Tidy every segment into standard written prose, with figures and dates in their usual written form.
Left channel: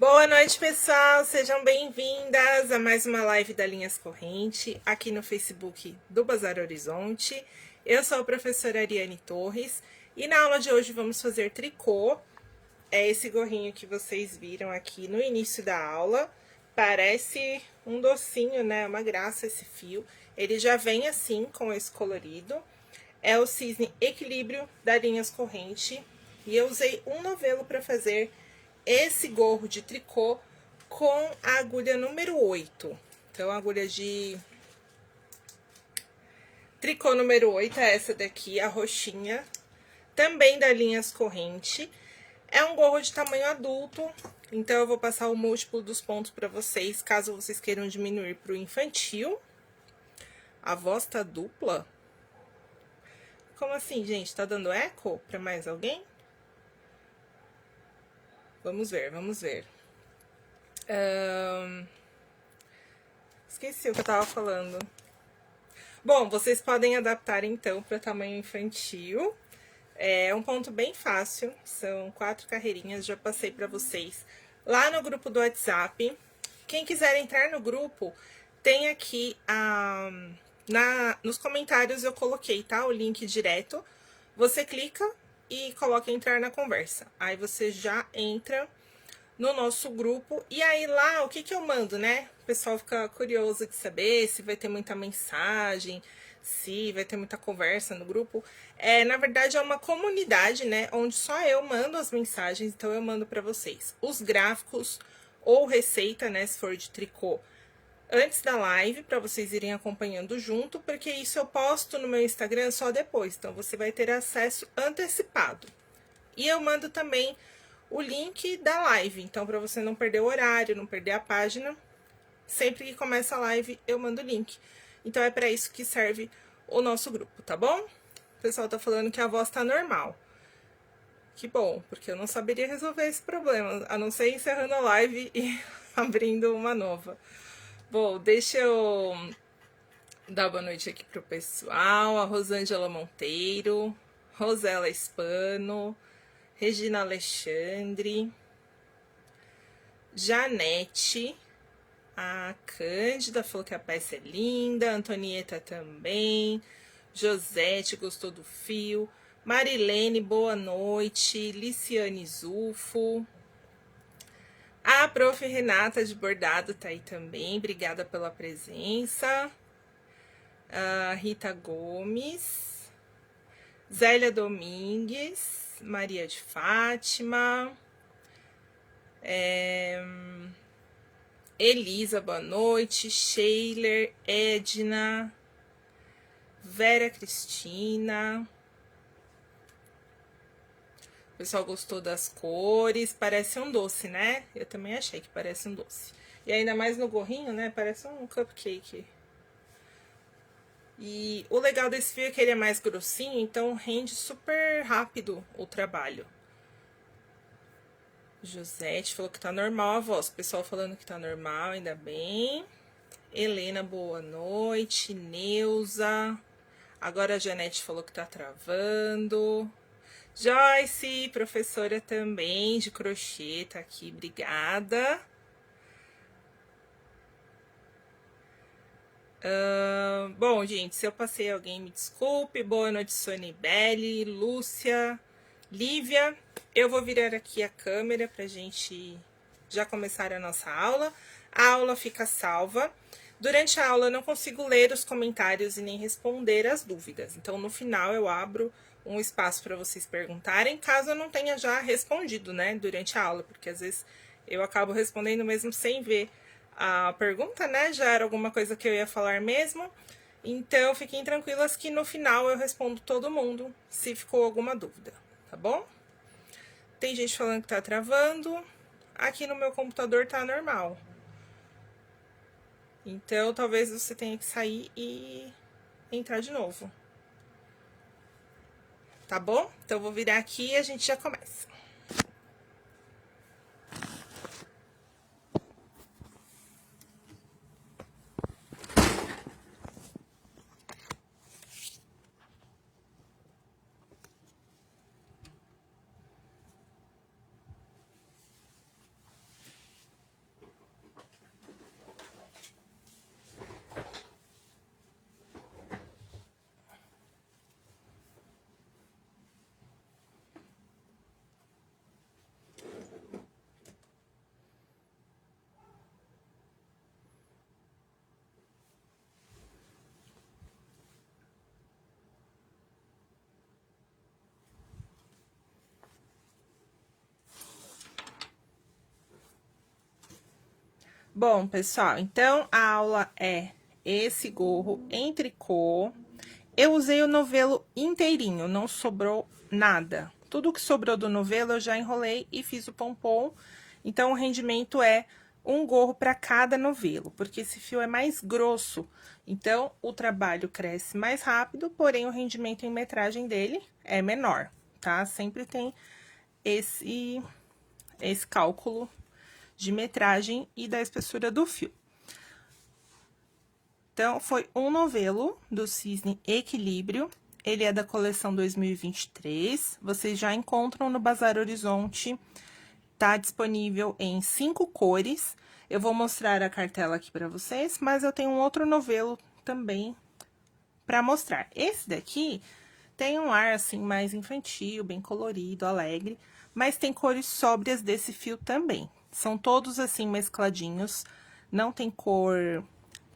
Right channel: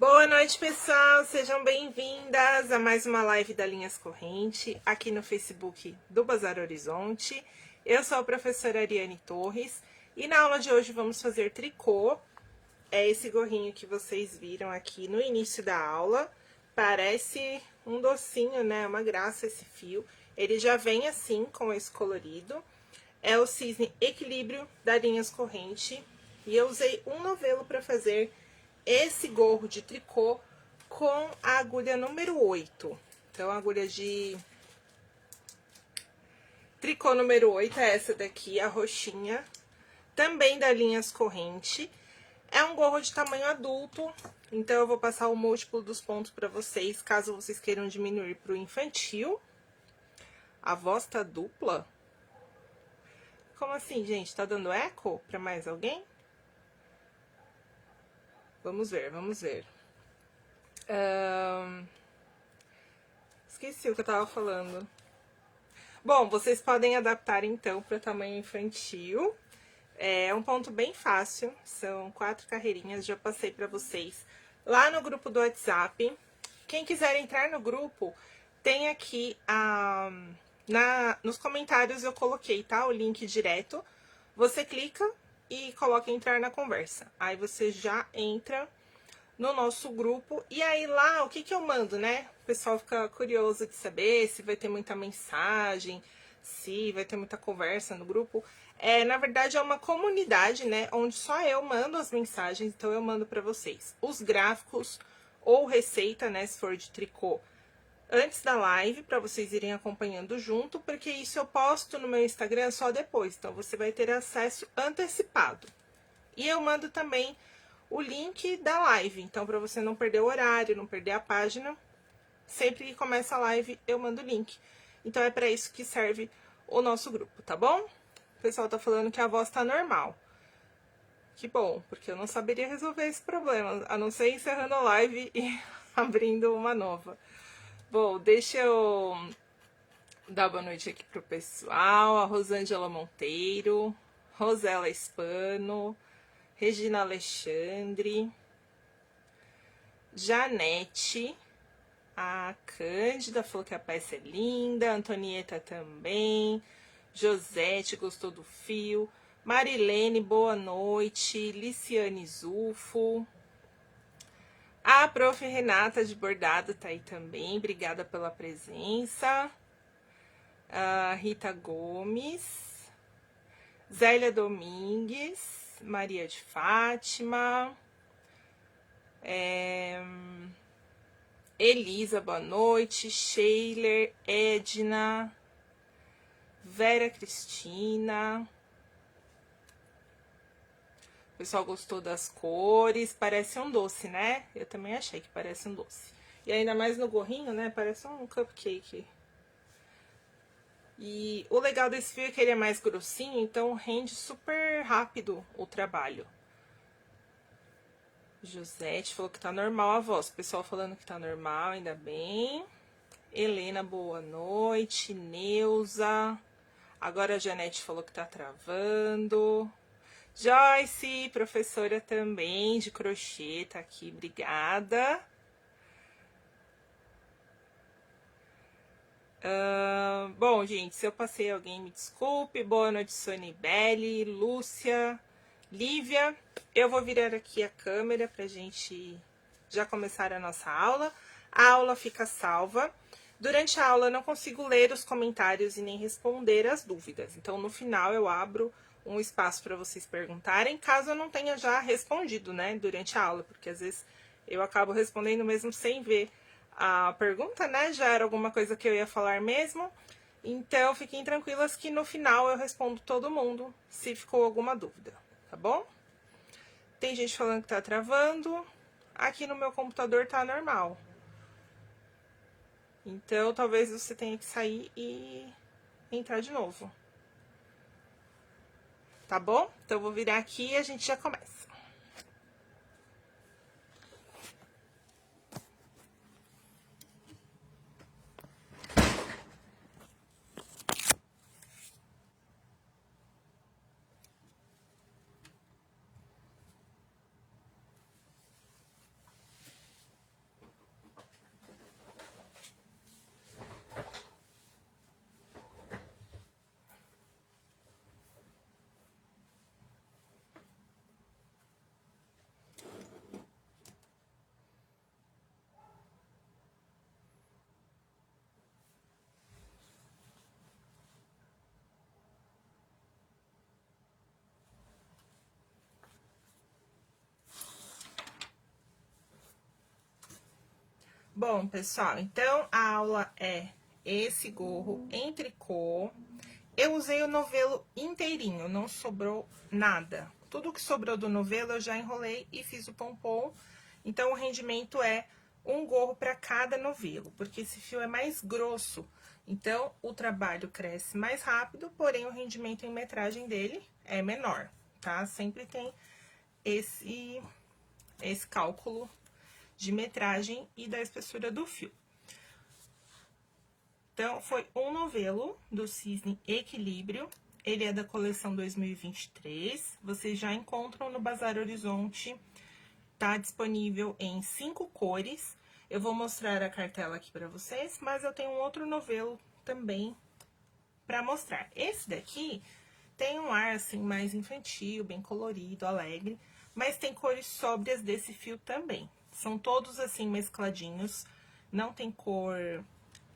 Boa noite, pessoal! Sejam bem-vindas a mais uma live da Linhas Corrente, aqui no Facebook do Bazar Horizonte. Eu sou a professora Ariane Torres e na aula de hoje vamos fazer tricô. É esse gorrinho que vocês viram aqui no início da aula. Parece um docinho, né? Uma graça esse fio. Ele já vem assim, com esse colorido. É o cisne equilíbrio da Linhas Corrente. E eu usei um novelo para fazer esse gorro de tricô com a agulha número 8. Então, a agulha de tricô número 8 é essa daqui, a roxinha. Também da Linhas Corrente. É um gorro de tamanho adulto, então eu vou passar o múltiplo dos pontos para vocês, caso vocês queiram diminuir para o infantil. A voz tá dupla? Como assim, gente? Tá dando eco para mais alguém? Vamos ver, vamos ver. Esqueci o que eu tava falando. Bom, vocês podem adaptar então para tamanho infantil. É um ponto bem fácil, são 4 carreirinhas, já passei para vocês lá no grupo do WhatsApp. Quem quiser entrar no grupo, tem aqui nos comentários eu coloquei, tá? O link direto. Você clica e coloca entrar na conversa. Aí você já entra no nosso grupo. E aí lá, o que que eu mando, né? O pessoal fica curioso de saber se vai ter muita mensagem, se vai ter muita conversa no grupo. Na verdade, é uma comunidade, né? Onde só eu mando as mensagens, então eu mando para vocês os gráficos ou receita, né? Se for de tricô, antes da live, para vocês irem acompanhando junto, porque isso eu posto no meu Instagram só depois, então você vai ter acesso antecipado. E eu mando também o link da live, então para você não perder o horário, não perder a página, sempre que começa a live eu mando o link. Então é para isso que serve o nosso grupo, tá bom? O pessoal tá falando que a voz tá normal. Que bom, porque eu não saberia resolver esse problema, a não ser encerrando a live e abrindo uma nova. Bom, deixa eu dar boa noite aqui pro pessoal. A Rosângela Monteiro, Rosela Espano, Regina Alexandre, Janete, A Cândida falou que a peça é linda. A Antonieta também. Josete gostou do fio. Marilene, boa noite. Liciane Zufo. A prof. Renata de Bordado tá aí também. Obrigada pela presença. A Rita Gomes. Zélia Domingues. Maria de Fátima. Elisa, boa noite. Sheiler, Edna. Vera Cristina. O pessoal gostou das cores. Parece um doce, né? Eu também achei que parece um doce. E ainda mais no gorrinho, né? Parece um cupcake. E o legal desse fio é que ele é mais grossinho, então rende super rápido o trabalho. Josete falou que tá normal a voz. O pessoal falando que tá normal, ainda bem. Helena, boa noite. Neuza. Agora a Janete falou que tá travando. Joyce, professora também de crochê, tá aqui, obrigada. Bom, gente, se eu passei alguém, me desculpe. Boa noite, Sonibele, Lúcia, Lívia. Eu vou virar aqui a câmera pra gente já começar a nossa aula. A aula fica salva. Durante a aula eu não consigo ler os comentários e nem responder as dúvidas. Então, no final, eu abro um espaço para vocês perguntarem, caso eu não tenha já respondido, né, durante a aula, porque às vezes eu acabo respondendo mesmo sem ver a pergunta, né, já era alguma coisa que eu ia falar mesmo. Então, fiquem tranquilas que no final eu respondo todo mundo, se ficou alguma dúvida, tá bom? Tem gente falando que tá travando, aqui no meu computador tá normal. Então, talvez você tenha que sair e entrar de novo. Tá bom? Então, eu vou virar aqui e a gente já começa. Bom, pessoal, então a aula é esse gorro em tricô. Eu usei o novelo inteirinho, não sobrou nada. Tudo que sobrou do novelo eu já enrolei e fiz o pompom. Então, o rendimento é um gorro para cada novelo, porque esse fio é mais grosso. Então, o trabalho cresce mais rápido, porém o rendimento em metragem dele é menor, tá? Sempre tem esse cálculo de metragem e da espessura do fio. Então, foi um novelo do Cisne Equilíbrio. Ele é da coleção 2023. Vocês já encontram no Bazar Horizonte. Tá disponível em 5 cores. Eu vou mostrar a cartela aqui para vocês, mas eu tenho um outro novelo também para mostrar. Esse daqui tem um ar, assim, mais infantil, bem colorido, alegre, mas tem cores sóbrias desse fio também. São todos, assim, mescladinhos, não tem cor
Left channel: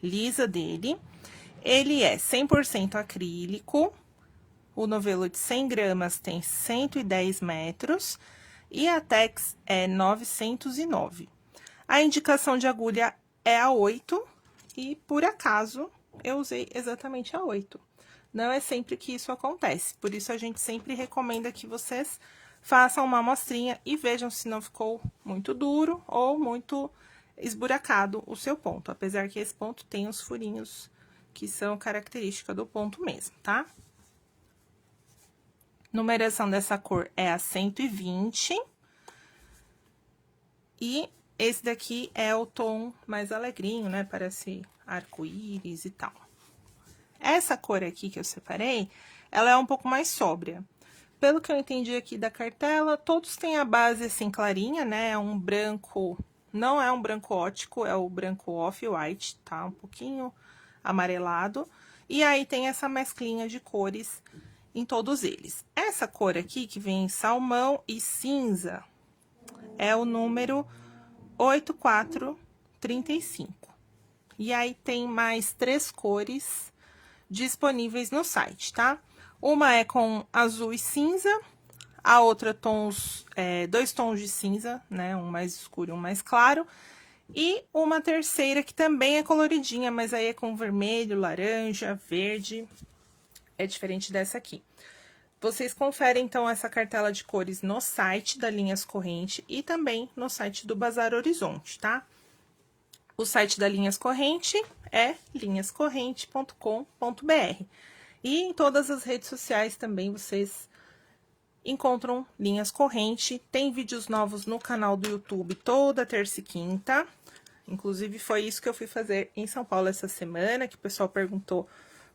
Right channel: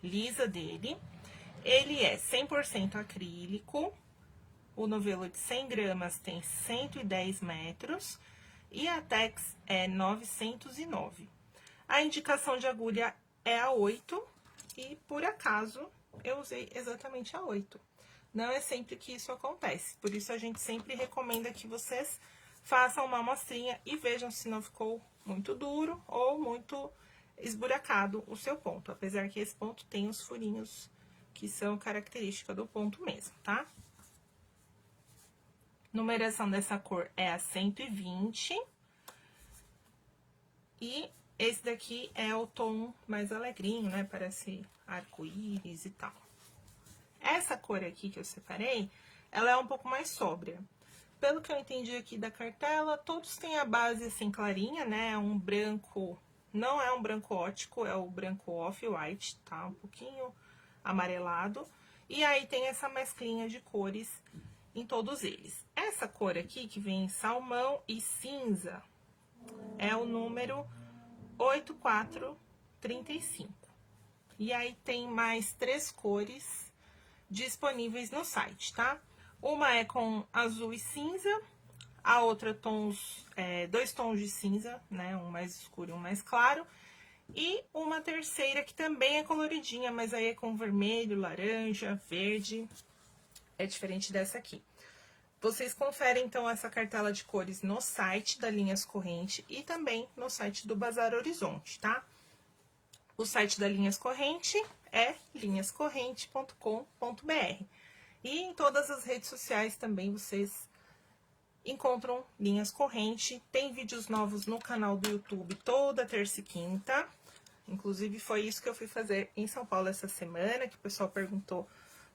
lisa dele. Ele é 100% acrílico, o novelo de 100 gramas tem 110 metros e a tex é 909. A indicação de agulha é a 8 e, por acaso, eu usei exatamente a 8. Não é sempre que isso acontece, por isso a gente sempre recomenda que vocês façam uma amostrinha e vejam se não ficou muito duro ou muito esburacado o seu ponto, apesar que esse ponto tem os furinhos que são característica do ponto mesmo, tá? Numeração dessa cor é a 120. E esse daqui é o tom mais alegrinho, né? Parece arco-íris e tal. Essa cor aqui que eu separei, ela é um pouco mais sóbria. Pelo que eu entendi aqui da cartela, todos têm a base assim clarinha, né? Um branco Não é um branco ótico, é o branco off-white, tá? Um pouquinho amarelado. E aí tem essa mesclinha de cores em todos eles. Essa cor aqui, que vem salmão e cinza, é o número 8435. E aí tem mais 3 cores disponíveis no site, tá? Uma é com azul e cinza, a outra tons, 2 tons de cinza, né? Um mais escuro e um mais claro. E uma terceira que também é coloridinha, mas aí é com vermelho, laranja, verde. É diferente dessa aqui. Vocês conferem, então, essa cartela de cores no site da Linhas Corrente e também no site do Bazar Horizonte, tá? O site da Linhas Corrente é linhascorrente.com.br. E em todas as redes sociais também vocês encontram Linhas Corrente. Tem vídeos novos no canal do YouTube toda terça e quinta. Inclusive, foi isso que eu fui fazer em São Paulo essa semana, que o pessoal perguntou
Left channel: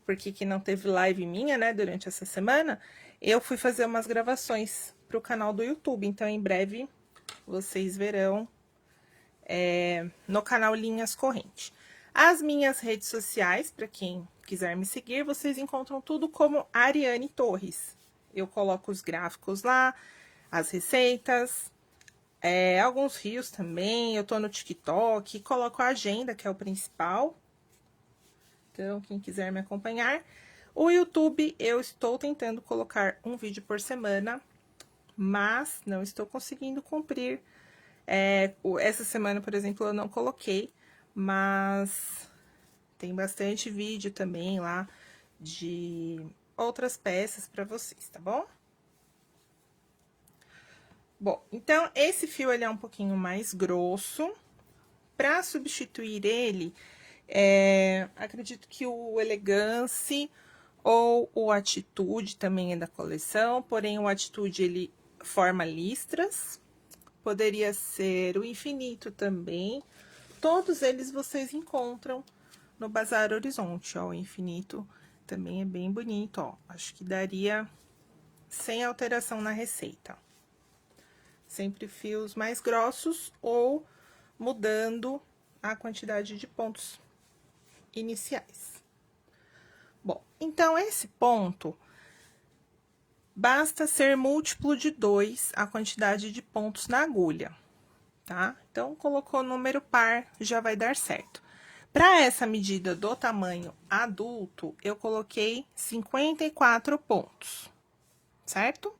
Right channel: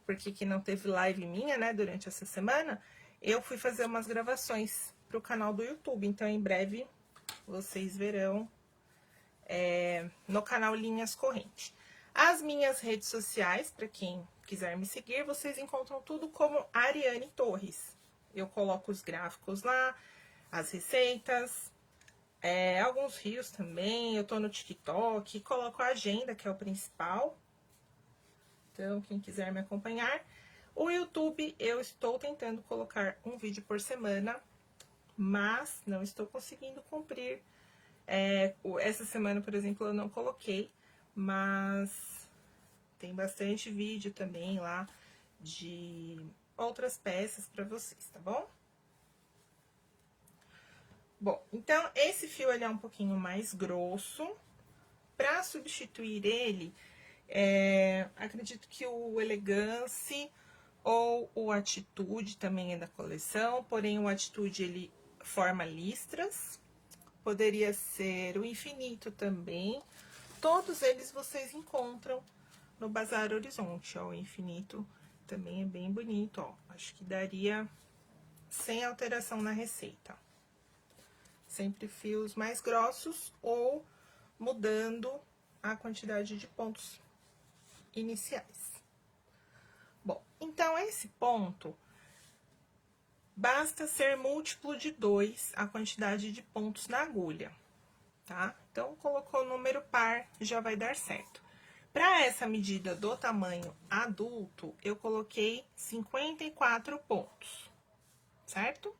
por que não teve live minha, né, durante essa semana. Eu fui fazer umas gravações pro canal do YouTube, então em breve vocês verão no canal Linhas Corrente. As minhas redes sociais, para quem quiser me seguir, vocês encontram tudo como Ariane Torres. Eu coloco os gráficos lá, as receitas, alguns rios também, eu tô no TikTok, coloco a agenda, que é o principal. Então, quem quiser me acompanhar. O YouTube, eu estou tentando colocar um vídeo por semana, mas não estou conseguindo cumprir. Essa semana, por exemplo, eu não coloquei, mas tem bastante vídeo também lá de outras peças para vocês, tá bom? Bom, então, esse fio, ele é um pouquinho mais grosso. Para substituir ele, acredito que o Elegance ou o Atitude também é da coleção, porém o Atitude, ele forma listras. Poderia ser o Infinito também. Todos eles vocês encontram no Bazar Horizonte, ó. O Infinito também é bem bonito, ó. Acho que daria sem alteração na receita. Sempre fios mais grossos ou mudando a quantidade de pontos iniciais. Bom, então esse ponto basta ser múltiplo de 2 a quantidade de pontos na agulha, tá? Então, colocou número par, já vai dar certo. Para essa medida do tamanho adulto, eu coloquei 54 pontos, certo?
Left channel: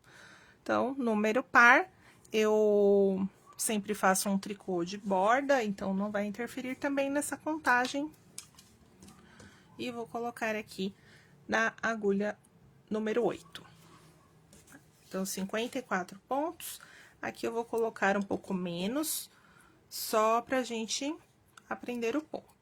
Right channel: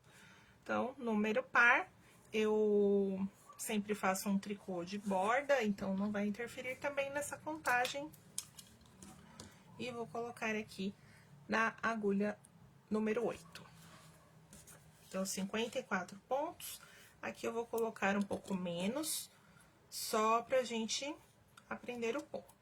Então, número par, eu sempre faço um tricô de borda, então não vai interferir também nessa contagem. E vou colocar aqui na agulha número 8. Então, 54 pontos. Aqui eu vou colocar um pouco menos, só pra gente aprender o ponto.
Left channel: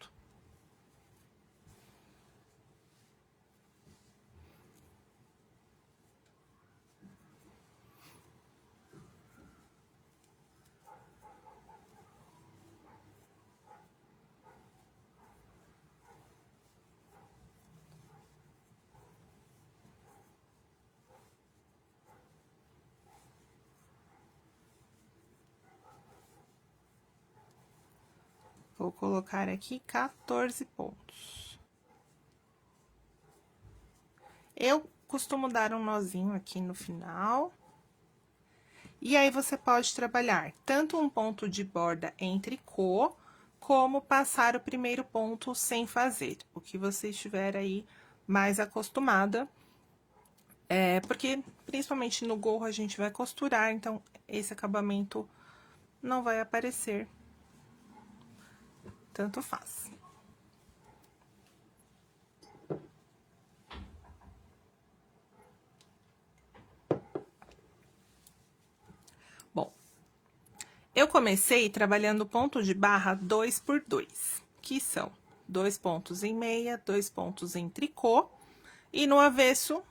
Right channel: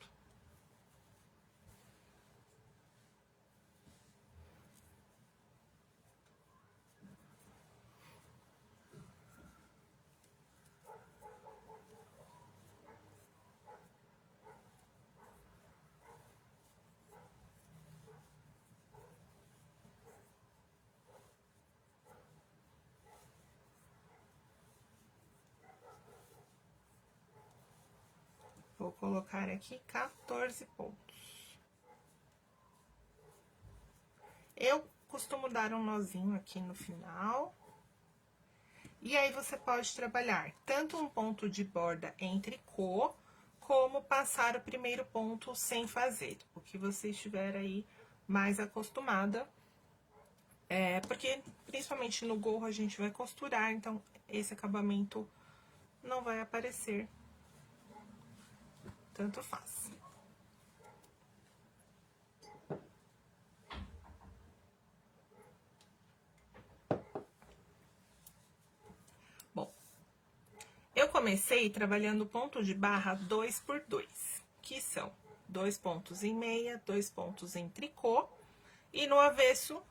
Vou colocar aqui 14 pontos. Eu costumo dar um nozinho aqui no final. E aí, você pode trabalhar tanto um ponto de borda em tricô, como passar o primeiro ponto sem fazer. O que você estiver aí mais acostumada. Porque, principalmente no gorro, a gente vai costurar, então, esse acabamento não vai aparecer. Tanto faz. Bom, eu comecei trabalhando ponto de barra 2 por 2, que são 2 pontos em meia, 2 pontos em tricô, e no avesso,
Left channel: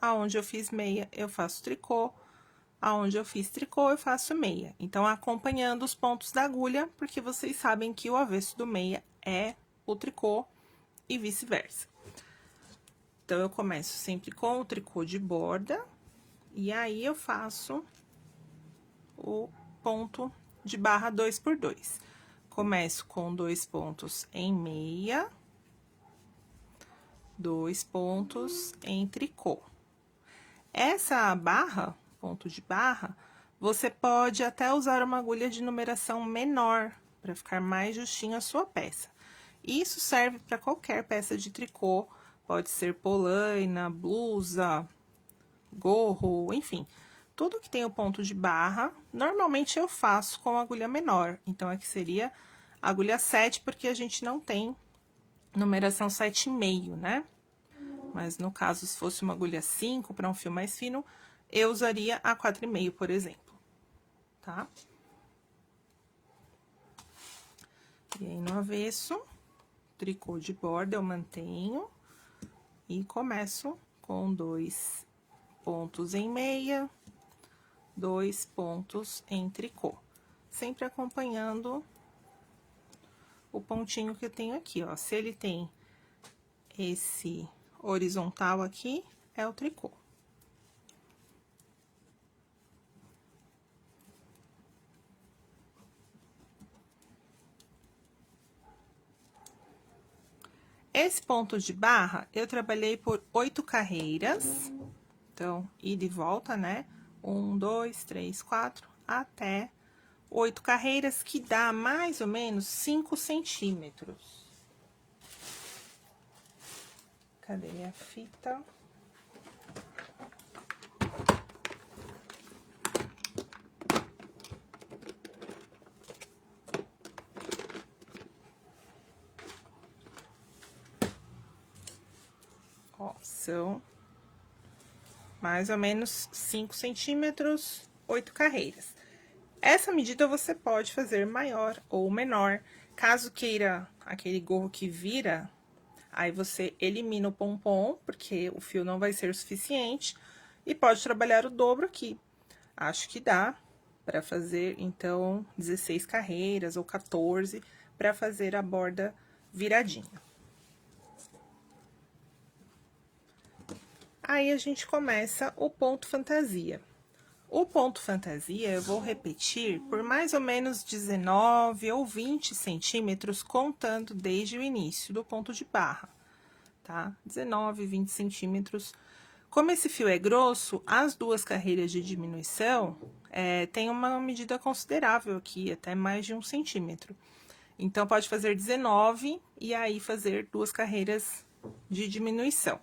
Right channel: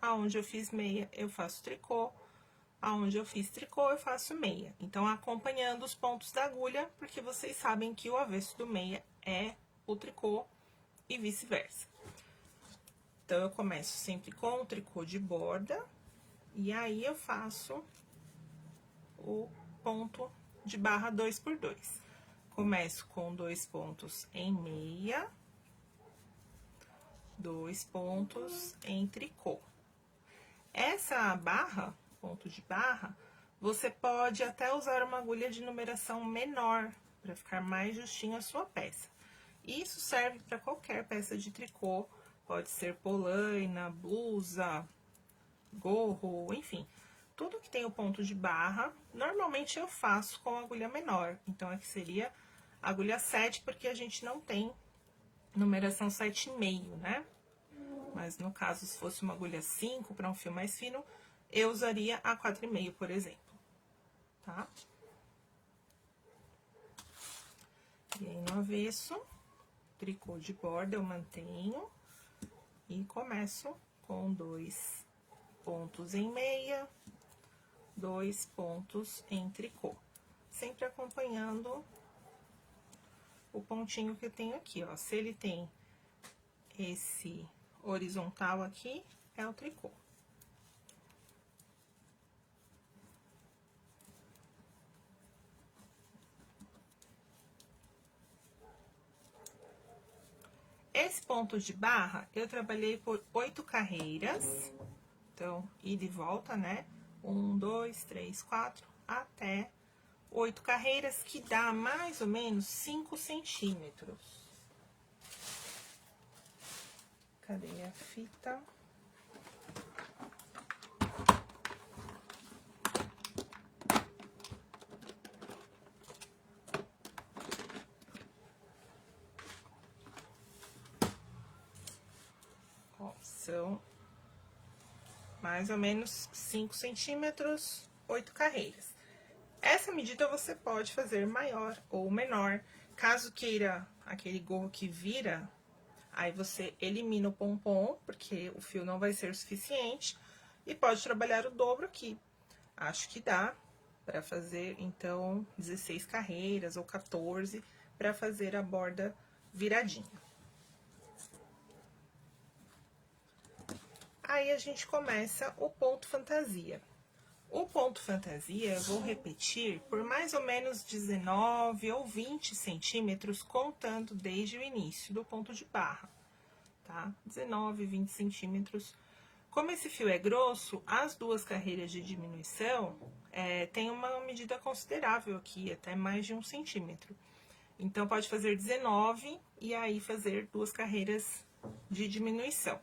aonde eu fiz meia, eu faço tricô, aonde eu fiz tricô, eu faço meia. Então, acompanhando os pontos da agulha, porque vocês sabem que o avesso do meia é o tricô e vice-versa. Então, eu começo sempre com o tricô de borda, e aí eu faço o ponto de barra 2 por 2. Começo com 2 pontos em meia, 2 pontos em tricô. Essa barra, ponto de barra, você pode até usar uma agulha de numeração menor, para ficar mais justinho a sua peça. Isso serve para qualquer peça de tricô, pode ser polaina, blusa, gorro, enfim. Tudo que tem o ponto de barra, normalmente eu faço com agulha menor. Então, aqui seria agulha 7, porque a gente não tem numeração 7,5, né? Mas, no caso, se fosse uma agulha 5, para um fio mais fino, eu usaria a 4,5, por exemplo, tá? E aí, no avesso, tricô de borda eu mantenho e começo com 2 pontos em meia, 2 pontos em tricô. Sempre acompanhando o pontinho que eu tenho aqui, ó. Se ele tem esse horizontal aqui, é o tricô. Esse ponto de barra, eu trabalhei por 8 carreiras. Então, ida e volta, né? 1, 2, 3, 4, até 8 carreiras, que dá mais ou menos 5 centímetros. Cadê minha fita? Ó, são mais ou menos 5 centímetros, 8 carreiras. Essa medida você pode fazer maior ou menor. Caso queira aquele gorro que vira, aí você elimina o pompom, porque o fio não vai ser suficiente, e pode trabalhar o dobro aqui. Acho que dá para fazer, então, 16 carreiras ou 14 para fazer a borda viradinha. Aí, a gente começa o ponto fantasia. O ponto fantasia, eu vou repetir por mais ou menos 19 ou 20 centímetros, contando desde o início do ponto de barra, tá? 19, 20 centímetros. Como esse fio é grosso, as 2 carreiras de diminuição, tem uma medida considerável aqui, até mais de 1 centímetro. Então, pode fazer 19 e aí fazer 2 carreiras de diminuição.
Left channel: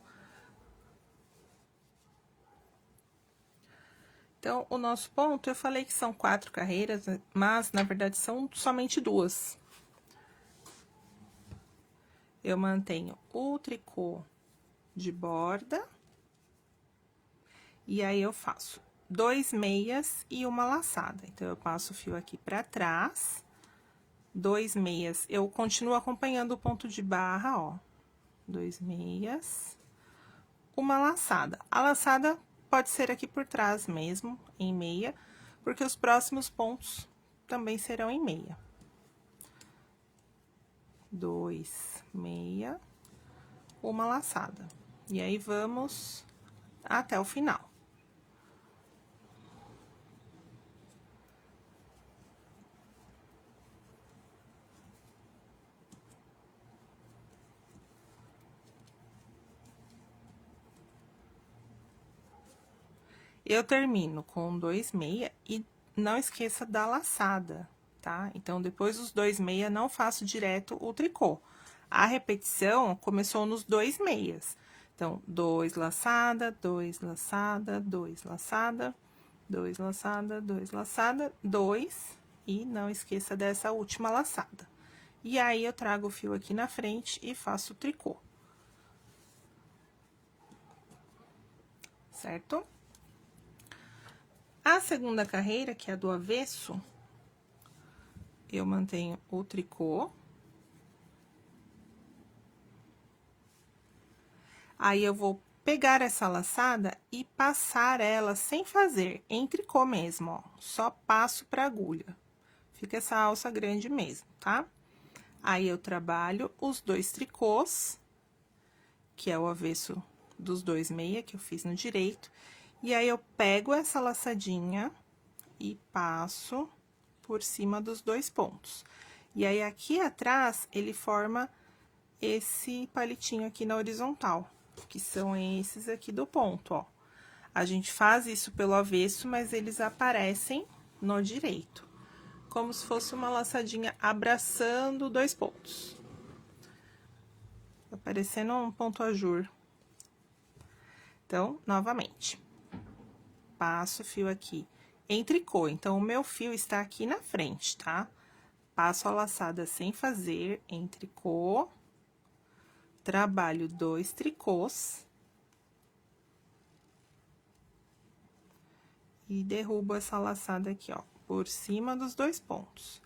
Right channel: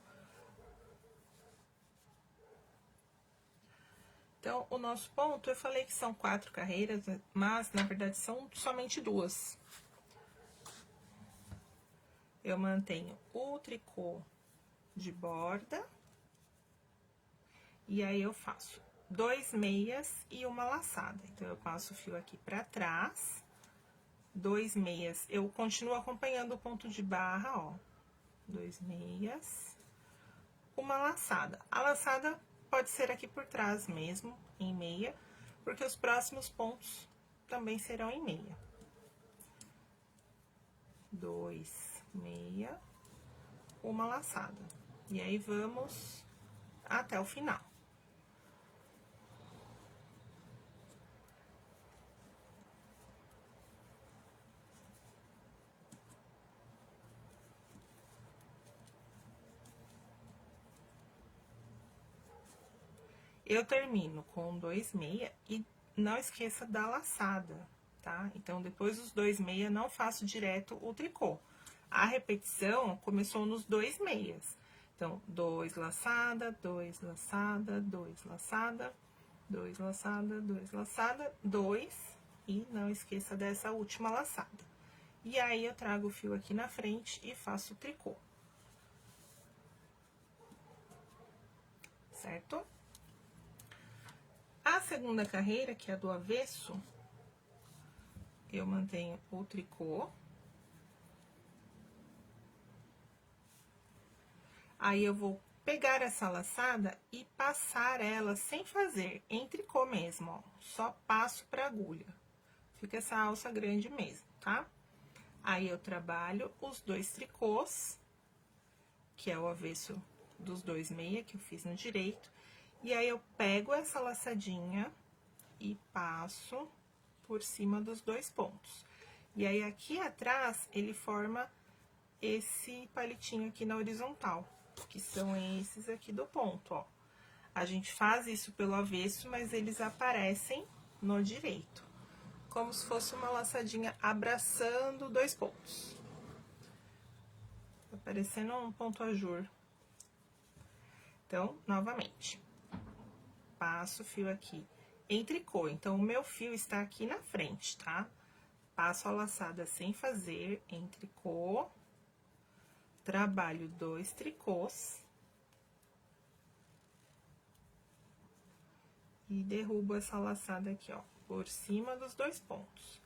Então, o nosso ponto, eu falei que são 4 carreiras, mas, na verdade, são somente 2. Eu mantenho o tricô de borda. E aí, eu faço 2 meias e uma laçada. Então, eu passo o fio aqui pra trás. 2 meias. Eu continuo acompanhando o ponto de barra, ó. 2 meias. Uma laçada. A laçada pode ser aqui por trás mesmo, em meia, porque os próximos pontos também serão em meia. 2 meia, uma laçada. E aí, vamos até o final. Eu termino com 2 meia e não esqueça da laçada, tá? Então, depois dos 2 meia, não faço direto o tricô. A repetição começou nos 2 meias. Então, 2 laçada, 2 laçada, 2 laçada, 2 laçada, 2 laçada, 2, e não esqueça dessa última laçada. E aí, eu trago o fio aqui na frente e faço o tricô. Certo? A segunda carreira, que é a do avesso, eu mantenho o tricô. Aí, eu vou pegar essa laçada e passar ela sem fazer, em tricô mesmo, ó. Só passo pra agulha. Fica essa alça grande mesmo, tá? Aí, eu trabalho os 2 tricôs, que é o avesso dos 2 meia, que eu fiz no direito. E aí, eu pego essa laçadinha e passo por cima dos 2 pontos. E aí, aqui atrás, ele forma esse palitinho aqui na horizontal, que são esses aqui do ponto, ó. A gente faz isso pelo avesso, mas eles aparecem no direito. Como se fosse uma laçadinha abraçando 2 pontos. Tá parecendo um ponto ajur. Então, novamente. Passo o fio aqui em tricô. Então, o meu fio está aqui na frente, tá? Passo a laçada sem fazer em tricô. Trabalho 2 tricôs. E derrubo essa laçada aqui, ó, por cima dos 2 pontos.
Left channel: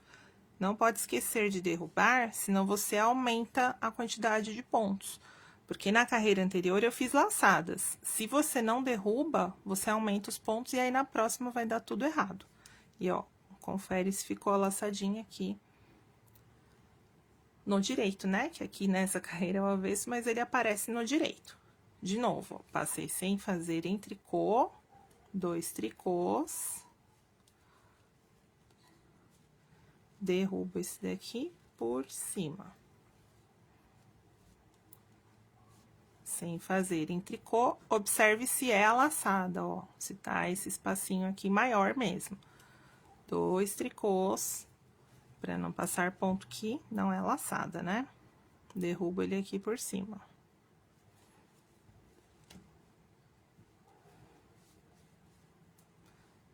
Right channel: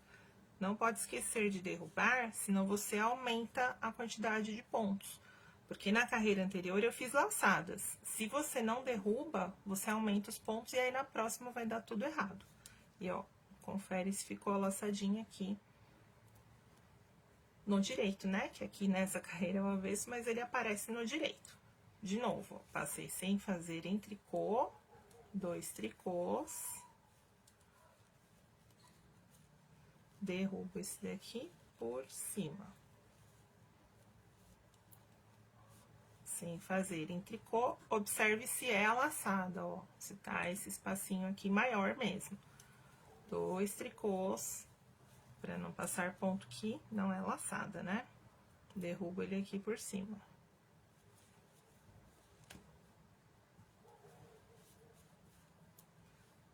Não pode esquecer de derrubar, senão você aumenta a quantidade de pontos. Porque na carreira anterior eu fiz laçadas. Se você não derruba, você aumenta os pontos e aí na próxima vai dar tudo errado. E ó, confere se ficou a laçadinha aqui no direito, né? Que aqui nessa carreira é o avesso, mas ele aparece no direito. De novo, ó, passei sem fazer em tricô, 2 tricôs. Derrubo esse daqui por cima. Sem fazer em tricô, observe se é a laçada, ó. Se tá esse espacinho aqui maior mesmo. 2 tricôs, pra não passar ponto que não é laçada, né? Derrubo ele aqui por cima.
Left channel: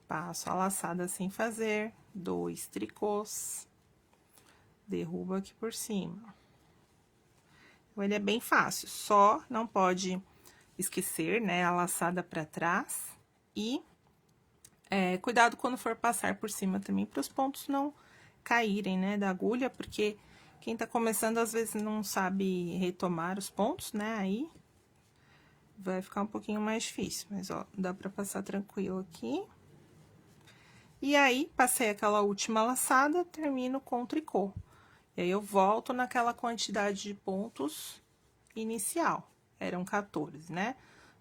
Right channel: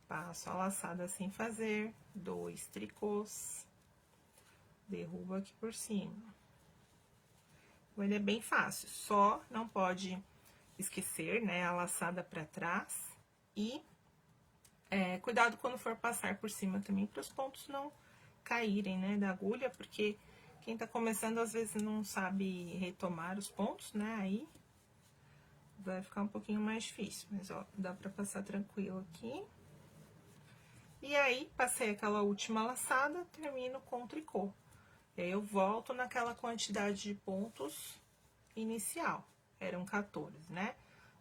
Passo a laçada sem fazer, 2 tricôs, derrubo aqui por cima. Então, ele é bem fácil, só não pode esquecer, né, a laçada pra trás e cuidado quando for passar por cima também, para os pontos não caírem, né, da agulha, porque quem tá começando às vezes não sabe retomar os pontos, né, aí vai ficar um pouquinho mais difícil, mas ó, dá pra passar tranquilo aqui. E aí, passei aquela última laçada, termino com tricô. E aí, eu volto naquela quantidade de pontos inicial. Eram 14, né?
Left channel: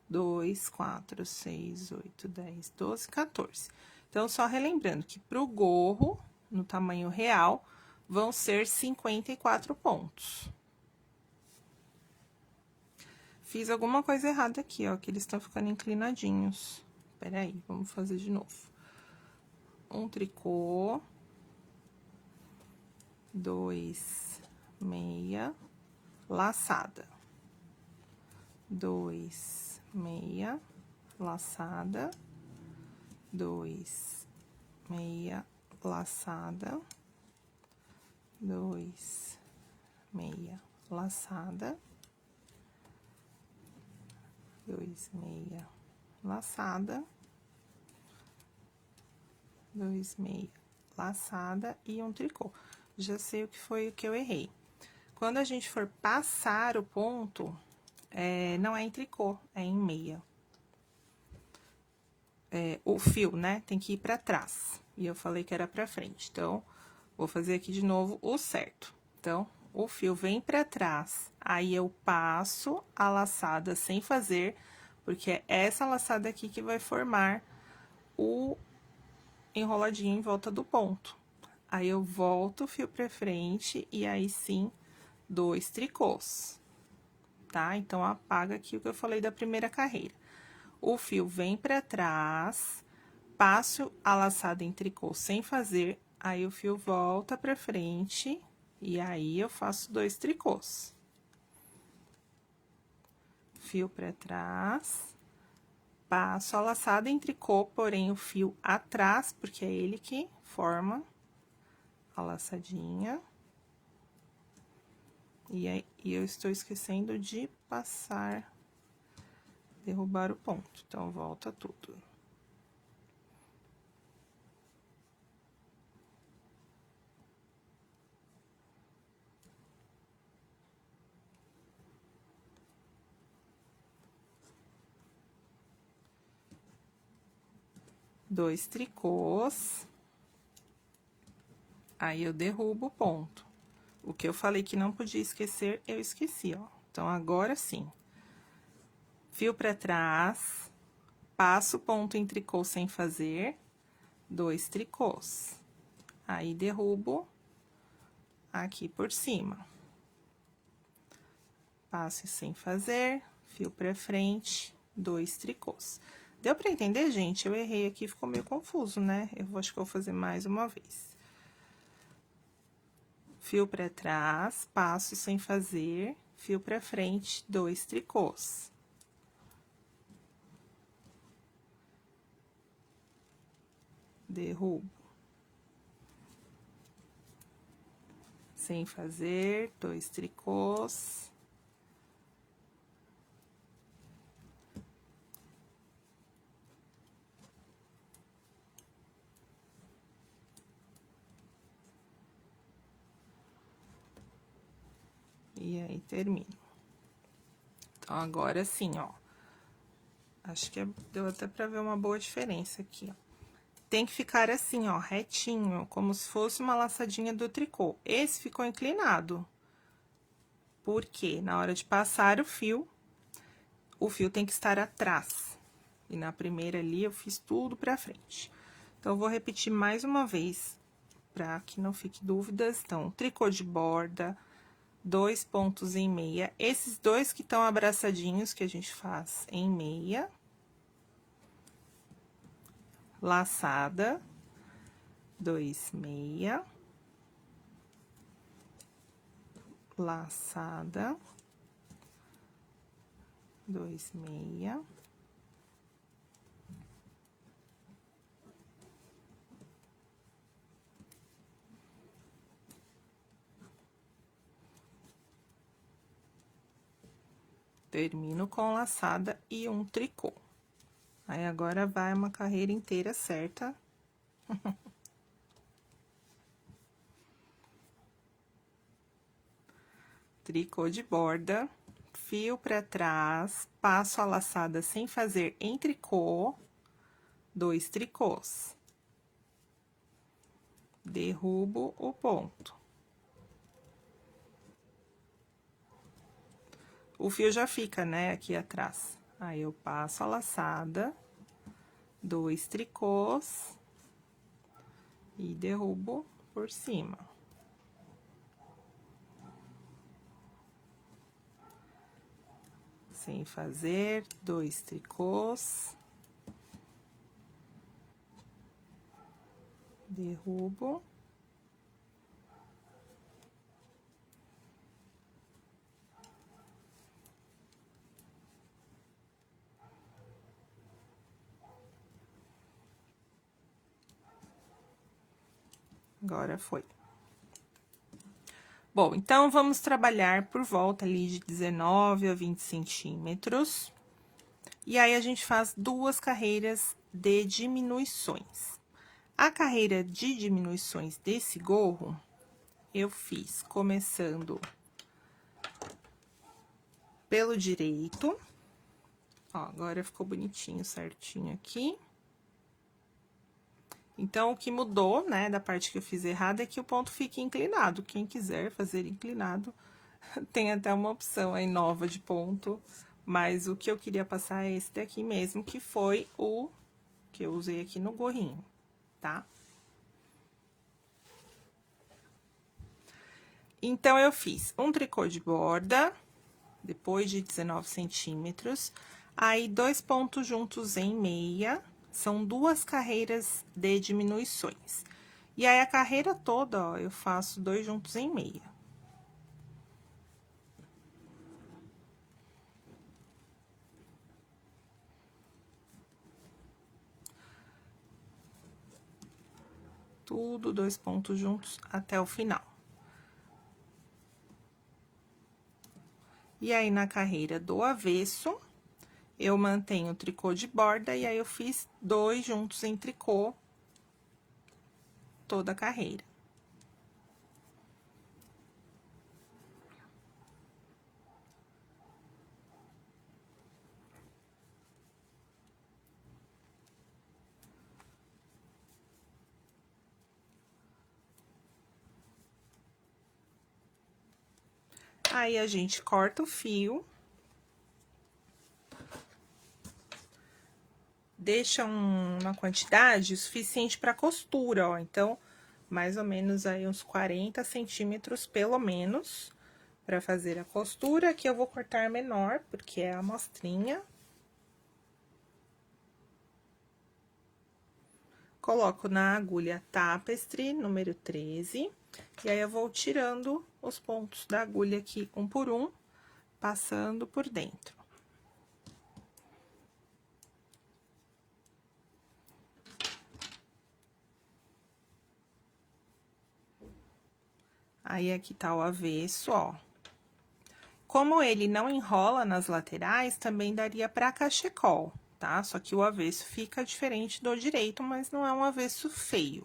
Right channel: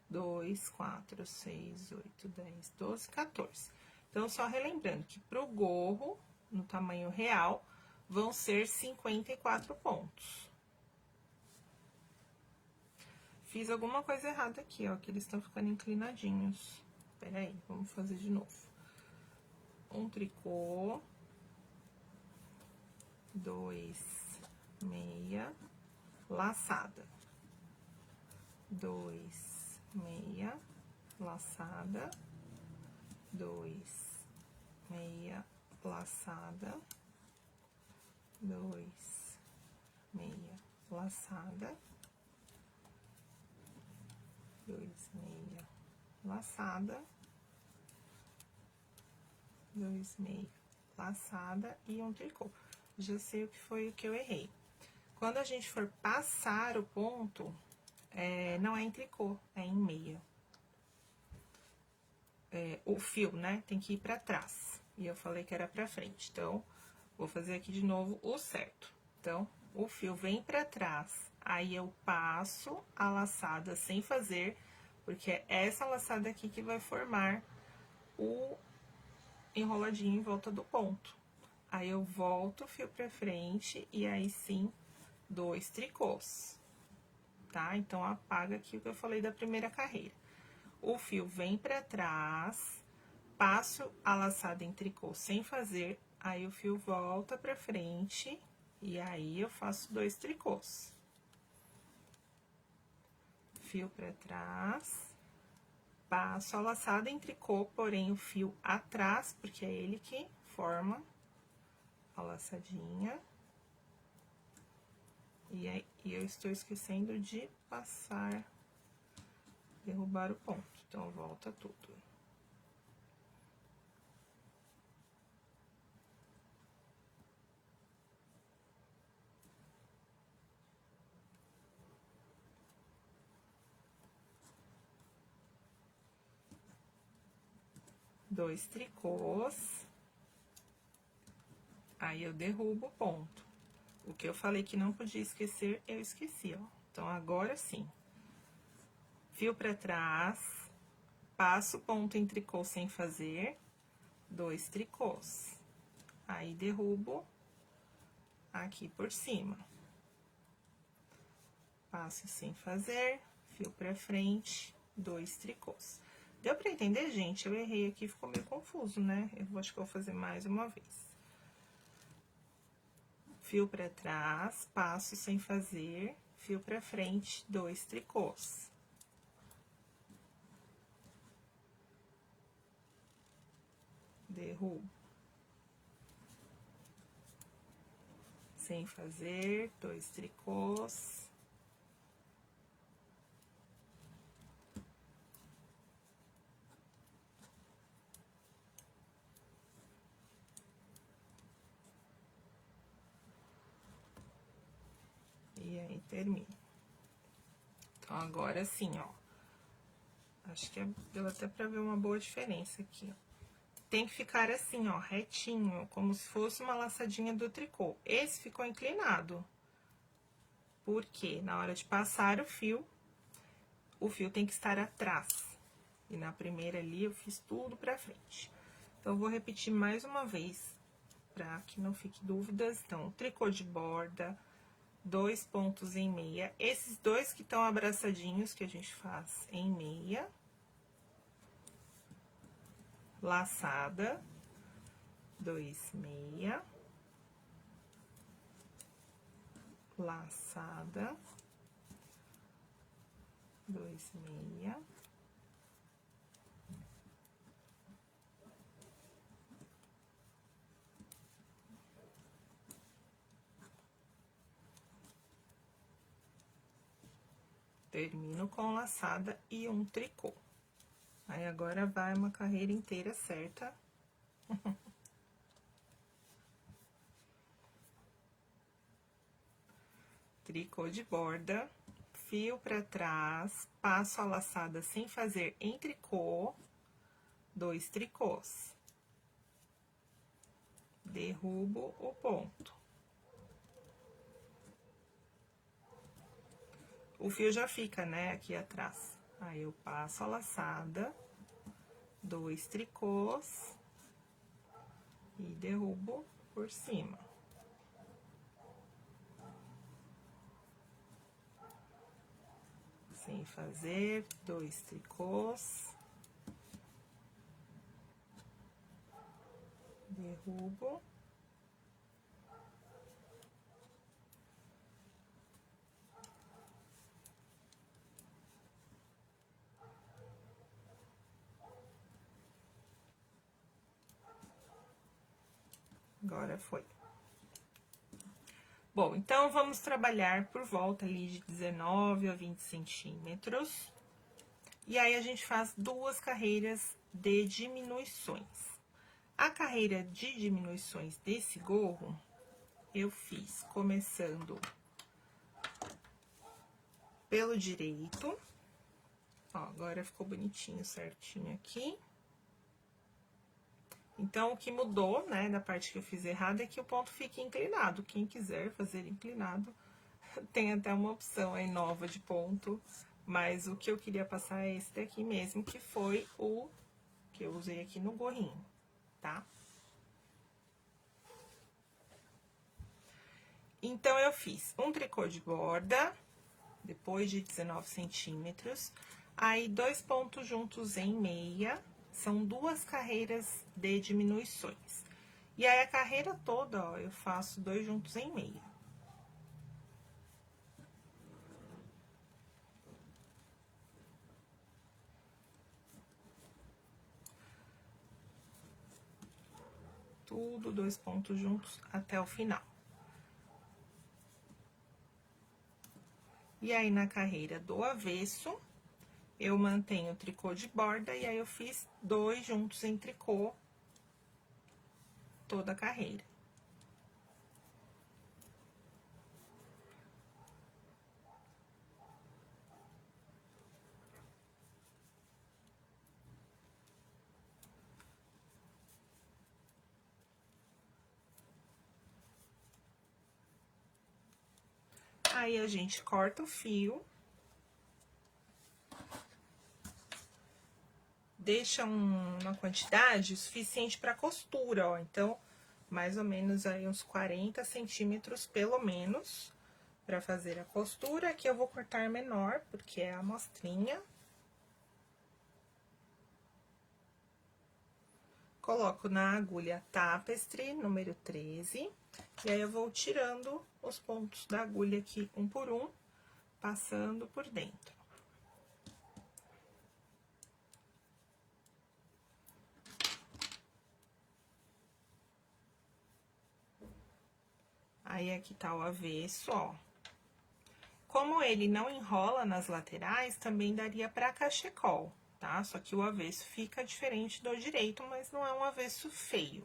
2, 4, 6, 8, 10, 12, 14. Então, só relembrando que pro gorro, no tamanho real, vão ser 54 pontos. Fiz alguma coisa errada aqui, ó, que eles estão ficando inclinadinhos. Peraí, vamos fazer de novo. Um tricô, 2 meia, laçada, 2 meia, laçada, 2 meia, laçada, 2 meia, laçada, 2 meia, laçada, 2 meia, laçada e um tricô. Já sei o que foi o que eu errei. Quando a gente for passar o ponto, não é em tricô, é em meia. O fio, né, tem que ir pra trás. E eu falei que era pra frente, então, vou fazer aqui de novo o certo. Então, o fio vem pra trás, aí eu passo a laçada sem fazer, porque é essa laçada aqui que vai formar o enroladinho em volta do ponto. Aí, eu volto o fio pra frente e aí sim, 2 tricôs, tá? Então, apaga aqui o que eu falei da primeira carreira. O fio vem pra trás, passo a laçada em tricô sem fazer, aí o fio volta pra frente e aí eu faço 2 tricôs. Fio pra trás, passo a laçada em tricô, porém o fio atrás, porque é ele que forma a laçadinha. E aí, eu estou esquecendo de passar, derrubar o ponto. Então, volta tudo. Dois tricôs. Aí, eu derrubo o ponto. O que eu falei que não podia esquecer, eu esqueci, ó. Então, agora sim. Fio pra trás, passo o ponto em tricô sem fazer, 2 tricôs. Aí, derrubo aqui por cima. Passo sem fazer, fio pra frente, 2 tricôs. Deu pra entender, gente? Eu errei aqui, ficou meio confuso, né? Acho que eu vou fazer mais uma vez. Fio pra trás, passo sem fazer, fio pra frente, 2 tricôs. Derrubo. Sem fazer, 2 tricôs. E aí, termino. Então, agora sim, ó. Acho que deu até pra ver uma boa diferença aqui, ó. Tem que ficar assim, ó, retinho, como se fosse uma laçadinha do tricô. Esse ficou inclinado. Porque na hora de passar o fio tem que estar atrás. E na primeira ali, eu fiz tudo pra frente. Então, eu vou repetir mais uma vez, pra que não fique dúvidas. Então, tricô de borda, 2 pontos em meia. Esses dois que estão abraçadinhos, que a gente faz em meia. Laçada, 2 meia. Laçada, 2 meia. Termino com laçada e um tricô. Aí, agora vai uma carreira inteira certa. Tricô de borda, fio pra trás, passo a laçada sem fazer em tricô, 2 tricôs. Derrubo o ponto. O fio já fica, né, aqui atrás. Aí, eu passo a laçada, 2 tricôs e derrubo por cima. Sem fazer, 2 tricôs. Derrubo. Agora foi. Bom, então, vamos trabalhar por volta ali de 19 a 20 centímetros. E aí, a gente faz 2 carreiras de diminuições. A carreira de diminuições desse gorro, eu fiz começando pelo direito. Ó, agora ficou bonitinho, certinho aqui. Então, o que mudou, né, da parte que eu fiz errada é que o ponto fique inclinado. Quem quiser fazer inclinado, tem até uma opção aí nova de ponto. Mas o que eu queria passar é esse daqui mesmo, que foi o que eu usei aqui no gorrinho, tá? Então, eu fiz um tricô de borda, depois de 19 centímetros, aí 2 pontos juntos em meia, são 2 carreiras de diminuições. E aí, a carreira toda, ó, eu faço 2 juntos em meia. Tudo 2 pontos juntos até o final. E aí, na carreira do avesso, eu mantenho o tricô de borda, e aí eu fiz 2 juntos em tricô toda a carreira. Aí, a gente corta o fio. Deixa uma quantidade suficiente para costura, ó. Então, mais ou menos aí uns 40 centímetros, pelo menos, para fazer a costura. Aqui eu vou cortar menor, porque é a amostrinha. Coloco na agulha tapestry, número 13, e aí eu vou tirando os pontos da agulha aqui, um por um, passando por dentro. Aí, aqui tá o avesso, ó. Como ele não enrola nas laterais, também daria pra cachecol, tá? Só que o avesso fica diferente do direito, mas não é um avesso feio.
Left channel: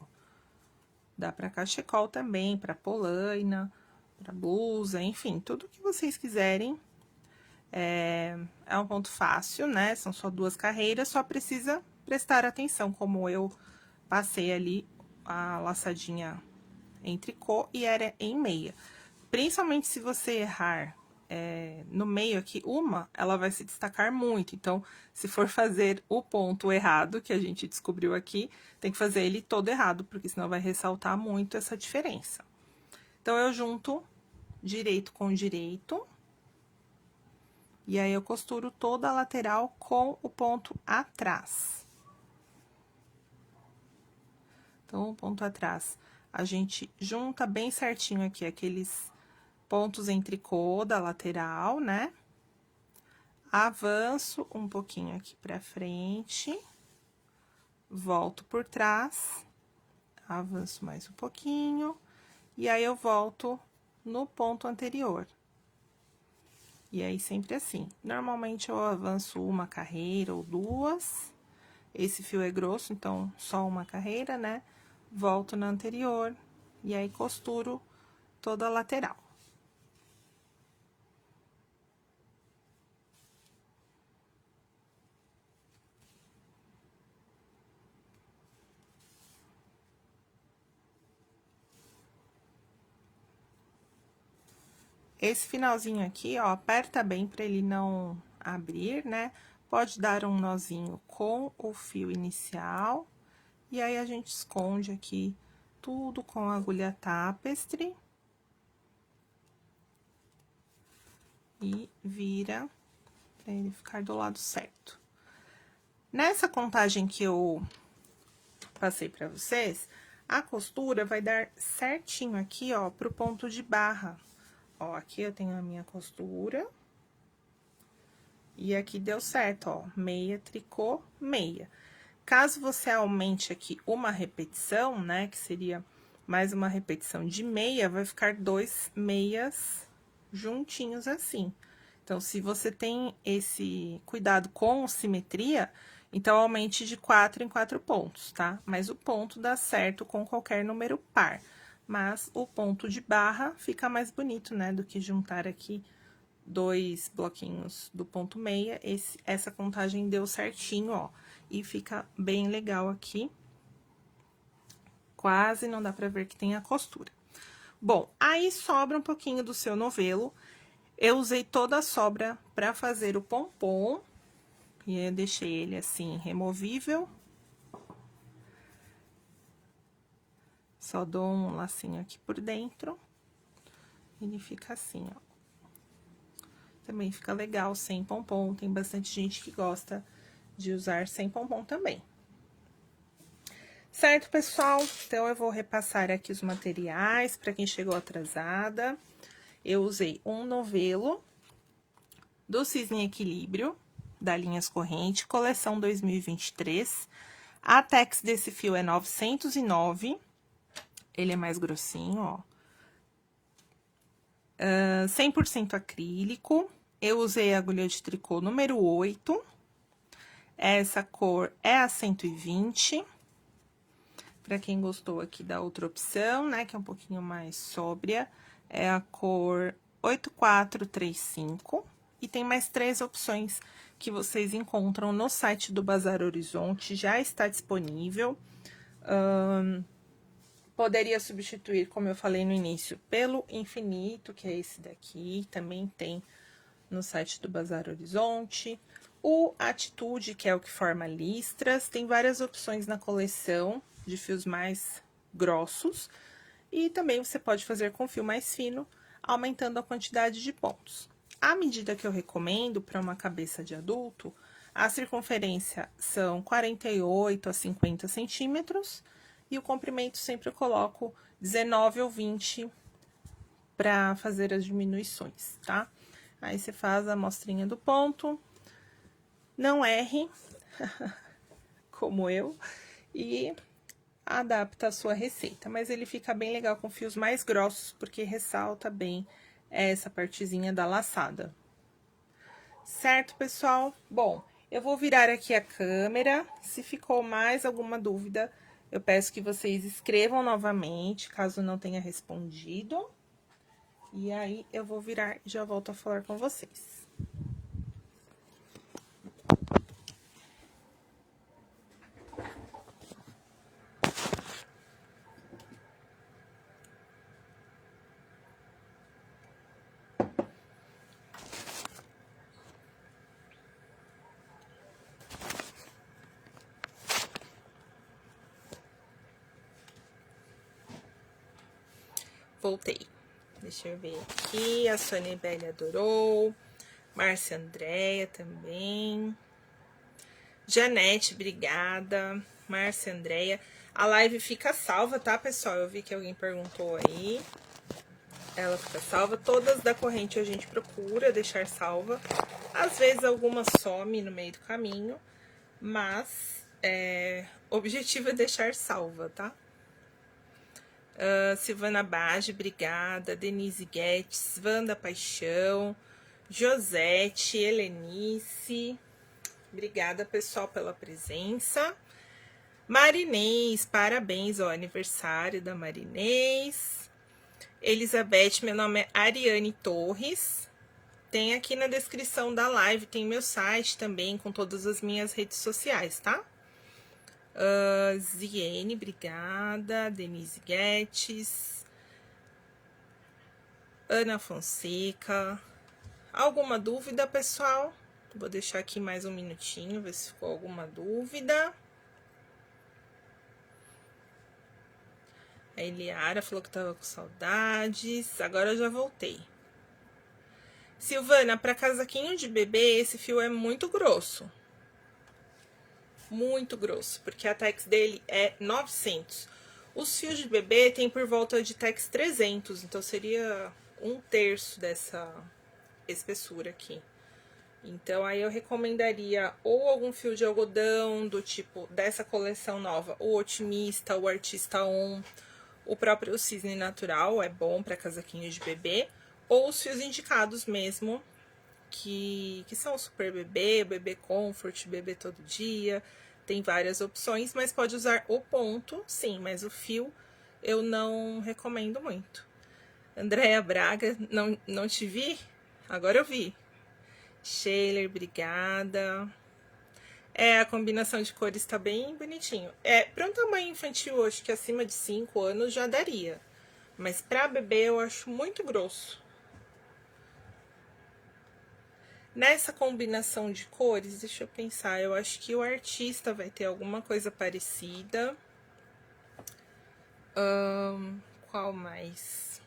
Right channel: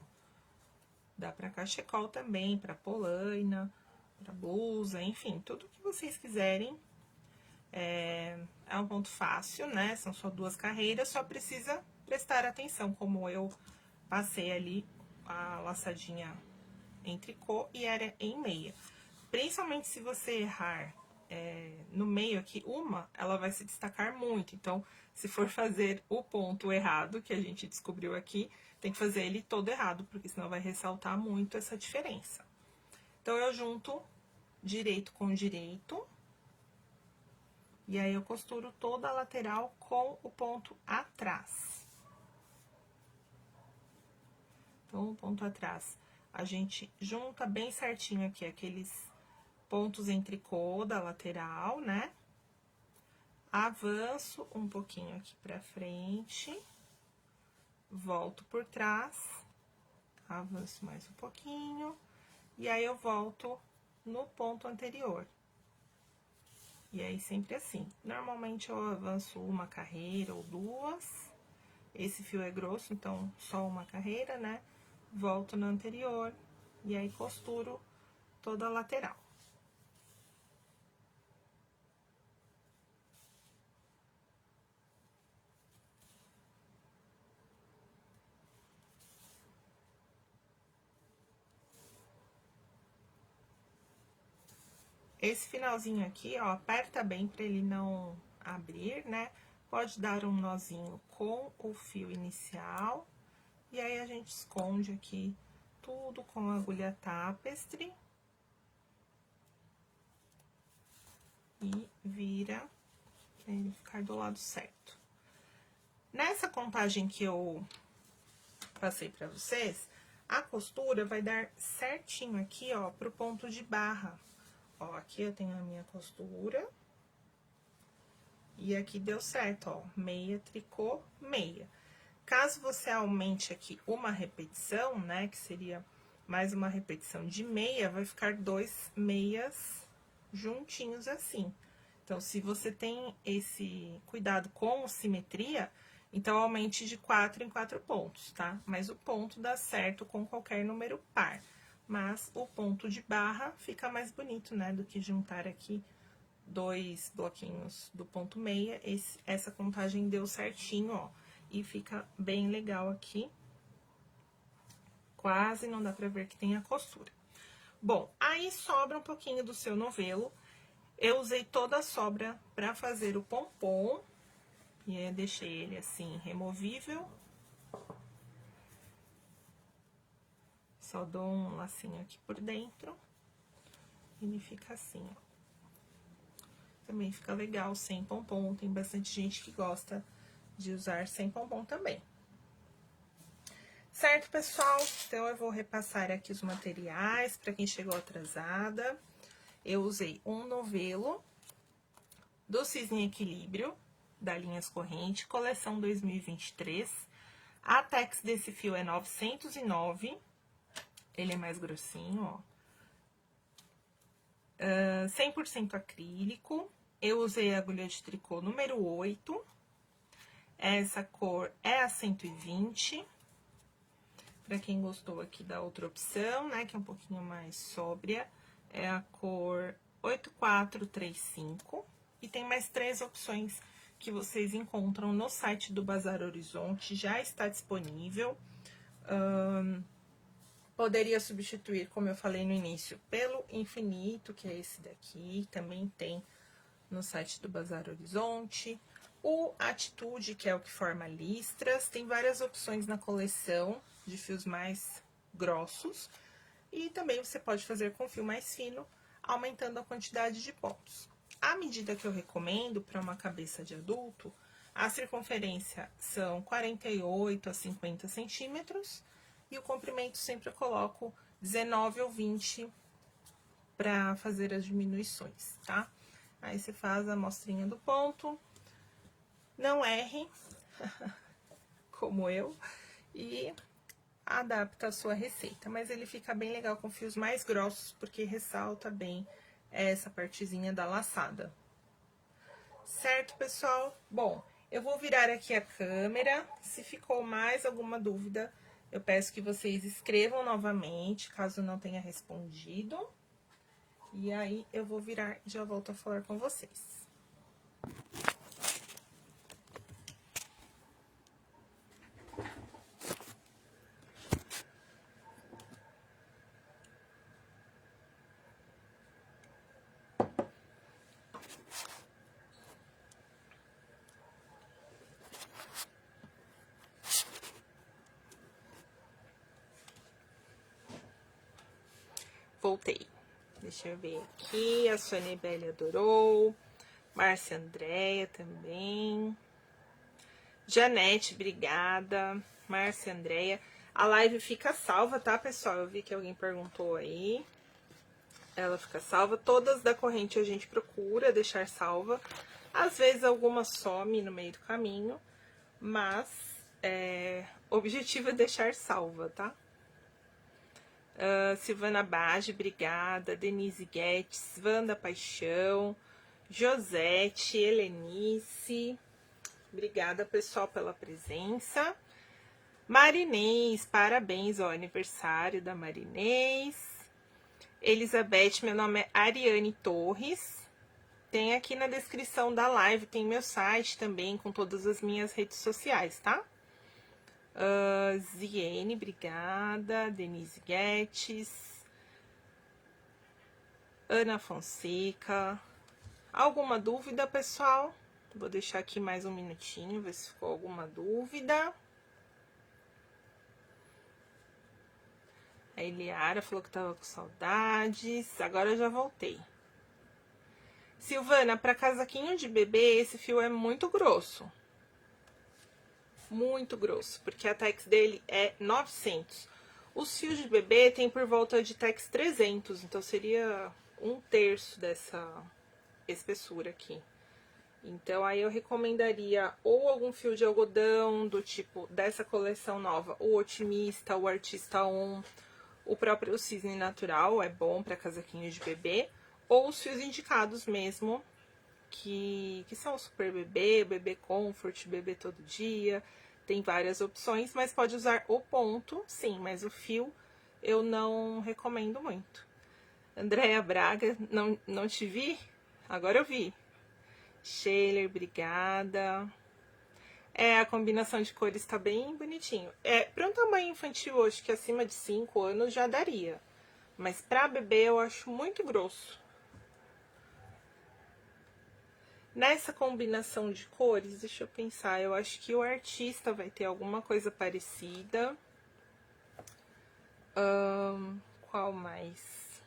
Dá pra cachecol também, pra polaina, pra blusa, enfim, tudo que vocês quiserem. É um ponto fácil, né? São só 2 carreiras, só precisa prestar atenção, como eu passei ali a laçadinha em tricô e era em meia. Principalmente se você errar no meio aqui, ela vai se destacar muito. Então, se for fazer o ponto errado, que a gente descobriu aqui, tem que fazer ele todo errado, porque senão vai ressaltar muito essa diferença. Então, eu junto direito com direito. E aí, eu costuro toda a lateral com o ponto atrás. Então, o ponto atrás, a gente junta bem certinho aqui aqueles pontos em tricô da lateral, né? Avanço um pouquinho aqui pra frente, volto por trás, avanço mais um pouquinho, e aí eu volto no ponto anterior. E aí, sempre assim. Normalmente, eu avanço uma carreira ou 2. Esse fio é grosso, então, só uma carreira, né? Volto na anterior, e aí costuro toda a lateral. Esse finalzinho aqui, ó, aperta bem pra ele não abrir, né? Pode dar um nozinho com o fio inicial. E aí, a gente esconde aqui tudo com a agulha tapestry. E vira pra ele ficar do lado certo. Nessa contagem que eu passei pra vocês, a costura vai dar certinho aqui, ó, pro ponto de barra. Ó, aqui eu tenho a minha costura. E aqui deu certo, ó, meia, tricô, meia. Caso você aumente aqui uma repetição, né, que seria mais uma repetição de meia, vai ficar 2 meias juntinhos assim. Então, se você tem esse cuidado com simetria, então aumente de 4 em 4 pontos, tá? Mas o ponto dá certo com qualquer número par. Mas o ponto de barra fica mais bonito, né, do que juntar aqui 2 bloquinhos do ponto meia. Essa contagem deu certinho, ó, e fica bem legal aqui. Quase não dá pra ver que tem a costura. Bom, aí sobra um pouquinho do seu novelo. Eu usei toda a sobra pra fazer o pompom. E aí, eu deixei ele assim, removível. Só dou um lacinho aqui por dentro. Ele fica assim, ó. Também fica legal sem pompom. Tem bastante gente que gosta de usar sem pompom também. Certo, pessoal? Então, eu vou repassar aqui os materiais para quem chegou atrasada. Eu usei um novelo do Cisne Equilíbrio, da Linhas Corrente, coleção 2023. A tex desse fio é 909. Ele é mais grossinho, ó. 100% acrílico. Eu usei a agulha de tricô número 8. Essa cor é a 120. Pra quem gostou aqui da outra opção, né, que é um pouquinho mais sóbria, é a cor 8435. E tem mais 3 opções que vocês encontram no site do Bazar Horizonte, já está disponível. Poderia substituir, como eu falei no início, pelo Infinito, que é esse daqui, também tem no site do Bazar Horizonte. O Atitude, que é o que forma listras, tem várias opções na coleção de fios mais grossos. E também você pode fazer com fio mais fino, aumentando a quantidade de pontos. A medida que eu recomendo para uma cabeça de adulto, a circunferência são 48 a 50 centímetros e o comprimento sempre eu coloco 19 ou 20 para fazer as diminuições, tá? Aí você faz a amostrinha do ponto, não erre, como eu, e adapta a sua receita. Mas ele fica bem legal com fios mais grossos, porque ressalta bem essa partezinha da laçada. Certo, pessoal? Bom, eu vou virar aqui a câmera. Se ficou mais alguma dúvida, eu peço que vocês escrevam novamente, caso não tenha respondido. E aí, eu vou virar e já volto a falar com vocês. Voltei. Deixa eu ver aqui, a Sônia Belli adorou, Márcia Andréia também, Janete, obrigada, Márcia Andréia. A live fica salva, tá, pessoal? Eu vi que alguém perguntou aí. Ela fica salva, todas da corrente a gente procura deixar salva. Às vezes alguma some no meio do caminho, mas o objetivo é deixar salva, tá? Silvana Bage, obrigada. Denise Guedes, Wanda Paixão, Josete, Helenice, obrigada, pessoal, pela presença. Marinês, parabéns ao aniversário da Marinês. Elizabeth, meu nome é Ariane Torres. Tem aqui na descrição da live, tem meu site também, com todas as minhas redes sociais, tá? Ziene, obrigada. Denise Guedes, Ana Fonseca. Alguma dúvida, pessoal? Vou deixar aqui mais um minutinho, ver se ficou alguma dúvida. A Eliara falou que tava com saudades. Agora eu já voltei. Silvana, para casaquinho de bebê, esse fio é muito grosso. Muito grosso, porque a tex dele é 900. Os fios de bebê tem por volta de tex 300, então seria 1/3 dessa espessura aqui. Então, aí eu recomendaria ou algum fio de algodão do tipo dessa coleção nova, o Otimista, o Artista On, o próprio Cisne Natural, é bom para casaquinho de bebê, ou os fios indicados mesmo, que são o Super Bebê, o Bebê Comfort, Bebê Todo Dia, tem várias opções, mas pode usar o ponto, sim, mas o fio eu não recomendo muito. Andréia Braga, não te vi? Agora eu vi. Sheiler, obrigada. A combinação de cores tá bem bonitinho. Para um tamanho infantil, acho que acima de 5 anos já daria. Mas pra bebê eu acho muito grosso. Nessa combinação de cores, deixa eu pensar, eu acho que o Artista vai ter alguma coisa parecida. Qual mais?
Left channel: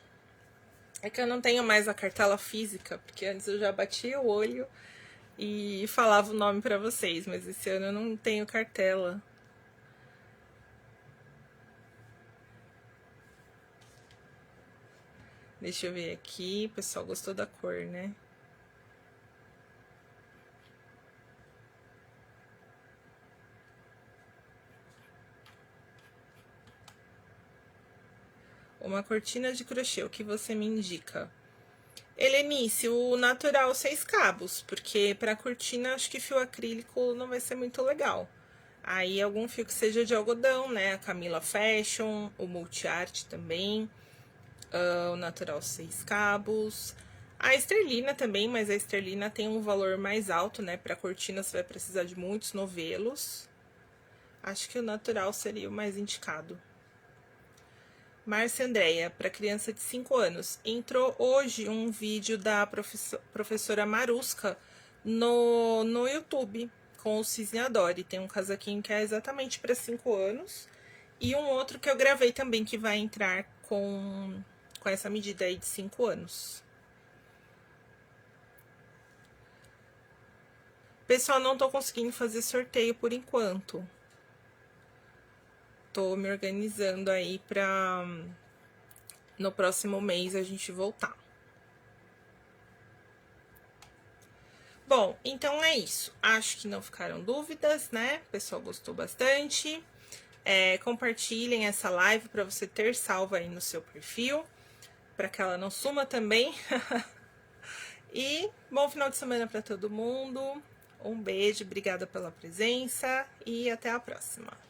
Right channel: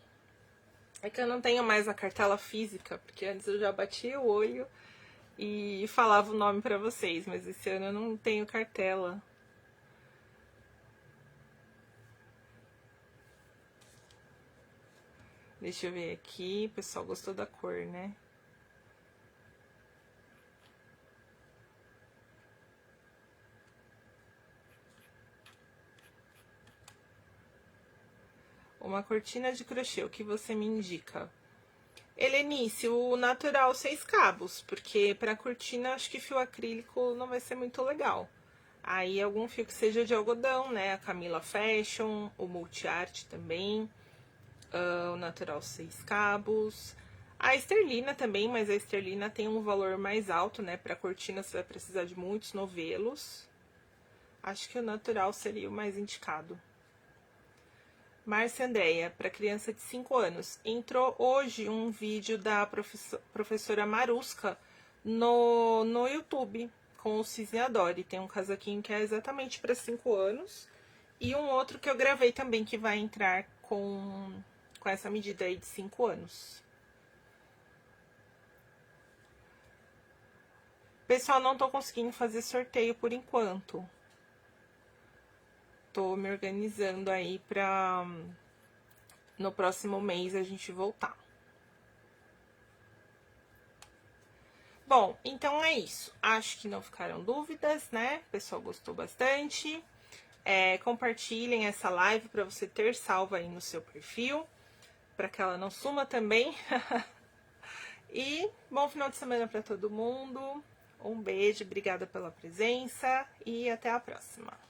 É que eu não tenho mais a cartela física, porque antes eu já batia o olho e falava o nome pra vocês, mas esse ano eu não tenho cartela. Deixa eu ver aqui, o pessoal gostou da cor, né? Uma cortina de crochê, o que você me indica? Helenice, o natural 6 cabos, porque pra cortina acho que fio acrílico não vai ser muito legal. Aí algum fio que seja de algodão, né? A Camila Fashion, o Multiarte também, o natural 6 cabos. A esterlina também, mas a esterlina tem um valor mais alto, né? Pra cortina você vai precisar de muitos novelos. Acho que o natural seria o mais indicado. Márcia Andréia, para criança de 5 anos. Entrou hoje um vídeo da professora Maruska no YouTube, com o Cisne Adore. Tem um casaquinho que é exatamente para 5 anos. E um outro que eu gravei também, que vai entrar com essa medida aí de 5 anos. Pessoal, não tô conseguindo fazer sorteio por enquanto. Tô me organizando aí pra no próximo mês a gente voltar. Bom, então é isso. Acho que não ficaram dúvidas, né? O pessoal gostou bastante. Compartilhem essa live para você ter salva aí no seu perfil, para que ela não suma também. E bom final de semana para todo mundo. Um beijo, obrigada pela presença e até a próxima.